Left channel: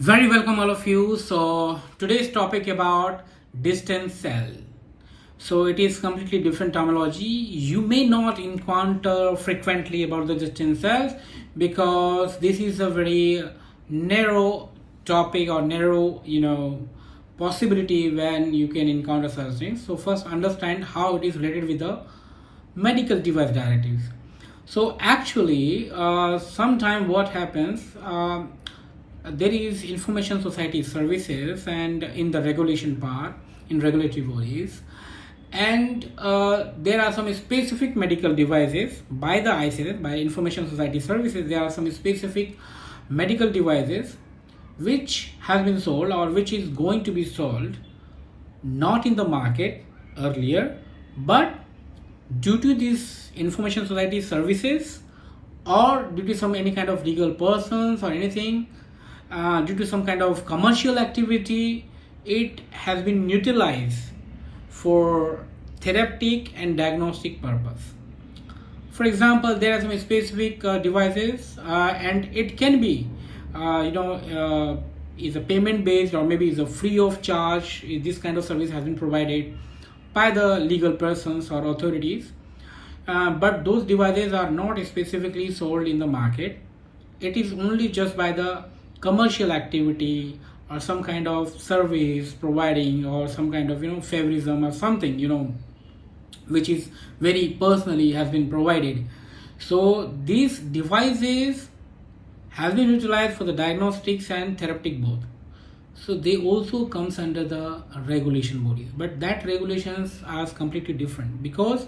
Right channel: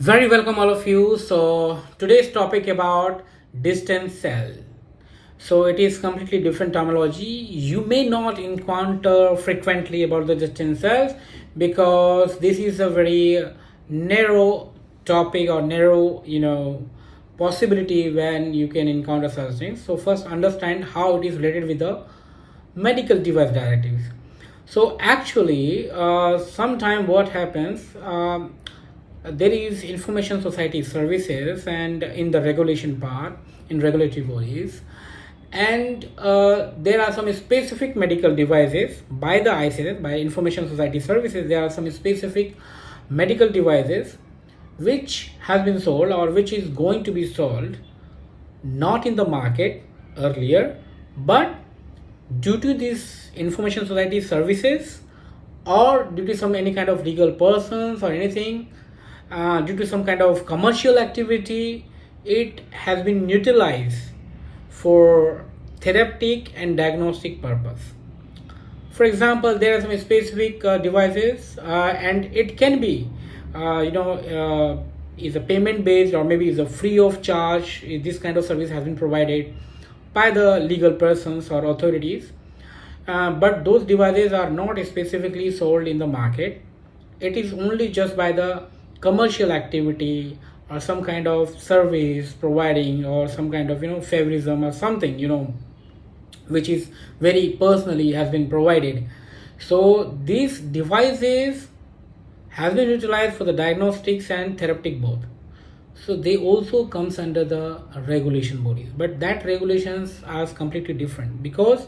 Very welcome all of you. So today's topic about distance cell. So it is completely different terminology. You may not encounter frequently about the distance cells because this is a very narrow topic or narrow, possibility when you can encounter such things. So first understand how it is related with the medical device directives. So actually, sometime what happens, there is information society services and in the regulation part, in regulatory bodies, and there are some specific medical devices by the ICS, by information society services. There are some specific medical devices which has been sold or which is going to be sold not in the market earlier, but due to this information society services or due to some any kind of legal persons or anything, due to some kind of commercial activity, it has been utilized for therapeutic and diagnostic purpose. For example, there are some specific devices, and it can be is a payment based or maybe is a free of charge. This kind of service has been provided by the legal persons or authorities, but those devices are not specifically sold in the market. It is only just by the commercial activity or some kind of service providing or some kind of favorism or something which is very personally has been provided. So these devices has been utilized for the diagnostics and therapeutic both. So they also comes under the regulation bodies, but that regulations are completely different because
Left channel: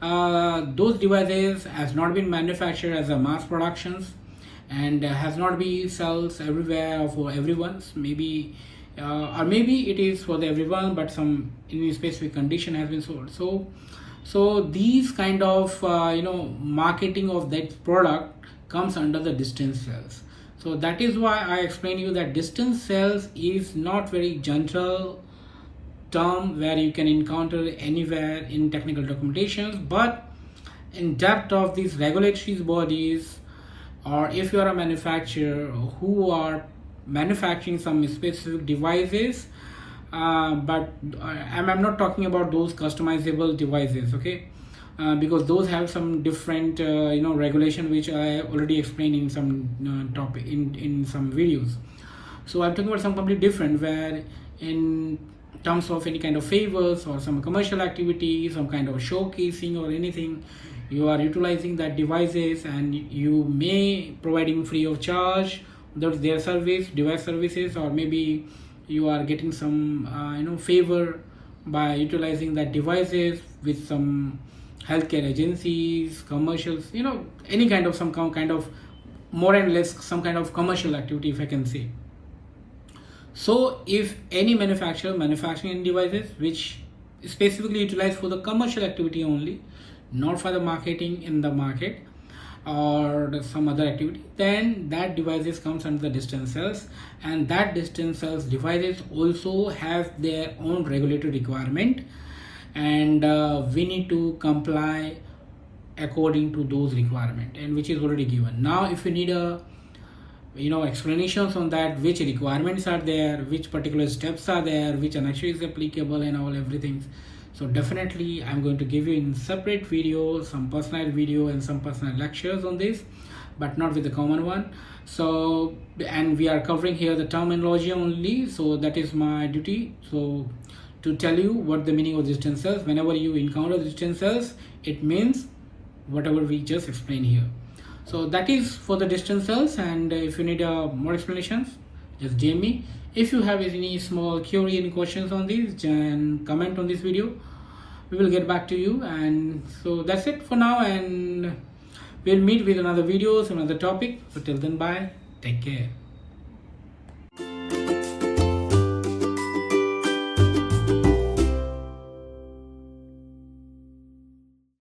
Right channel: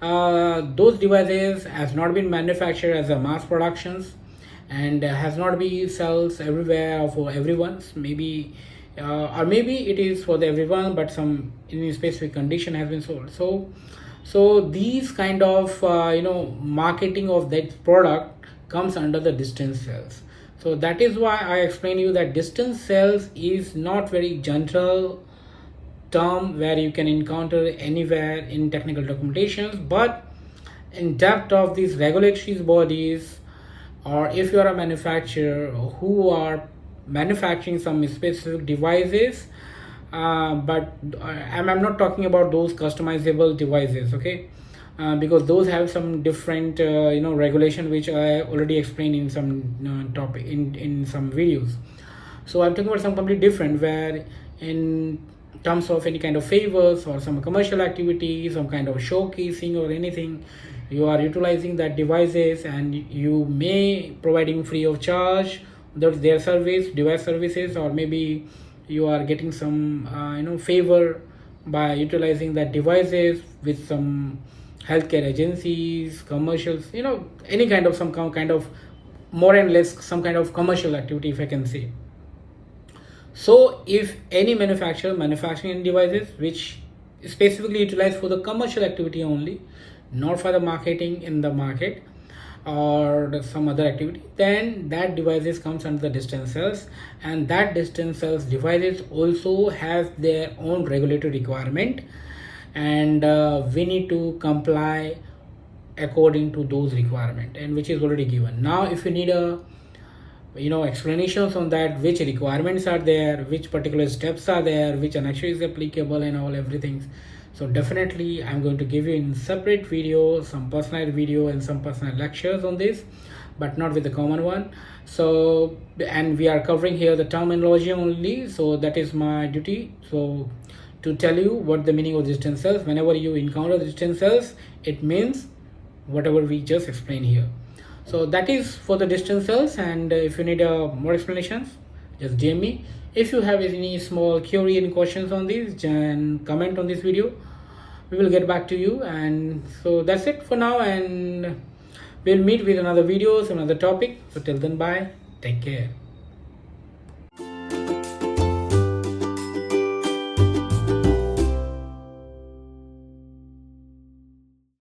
those devices has not been manufactured as a mass productions and has not been sells everywhere for everyone. Maybe or maybe it is for the everyone, but some in a specific condition has been sold. So these kind of marketing of that product comes under the distance cells. So that is why I explain you that distance cells is not very general term where you can encounter anywhere in technical documentations, but in depth of these regulatory bodies, or if you are a manufacturer who are manufacturing some specific devices, but I'm not talking about those customizable devices, okay? Because those have some different regulation which I already explained in some topic in some videos. So I'm talking about some completely different where in terms of any kind of favors or some commercial activity, some kind of showcasing or anything, you are utilizing that devices and you may providing free of charge their service device services, or maybe you are getting some favor by utilizing that devices with some healthcare agencies, commercials, any kind of some kind of more and less some kind of commercial activity, if I can say. So if any manufacturer manufacturing any devices which specifically utilized for the commercial activity only, not for the marketing in the market or some other activity, then that devices comes under the distance cells, and that distance cells devices also have their own regulatory requirement, and we need to comply according to those requirement, and which is already given. Now if you need a explanations on that, which requirements are there, which particular steps are there, which annexure is applicable and all everything, so definitely I'm going to give you in separate video some personal video and some personal lectures on this, but not with the common one. So, and we are covering here the terminology only, so that is my duty, so to tell you what the meaning of distance cells. Whenever you encounter distance cells, it means whatever we just explained here. So that is for the distance cells, and if you need more explanations, just DM me. If you have any small query and questions on these, then comment on this video. We will get back to you. And so that's it for now, and we'll meet with another videos, another topic. So till then, bye, take care.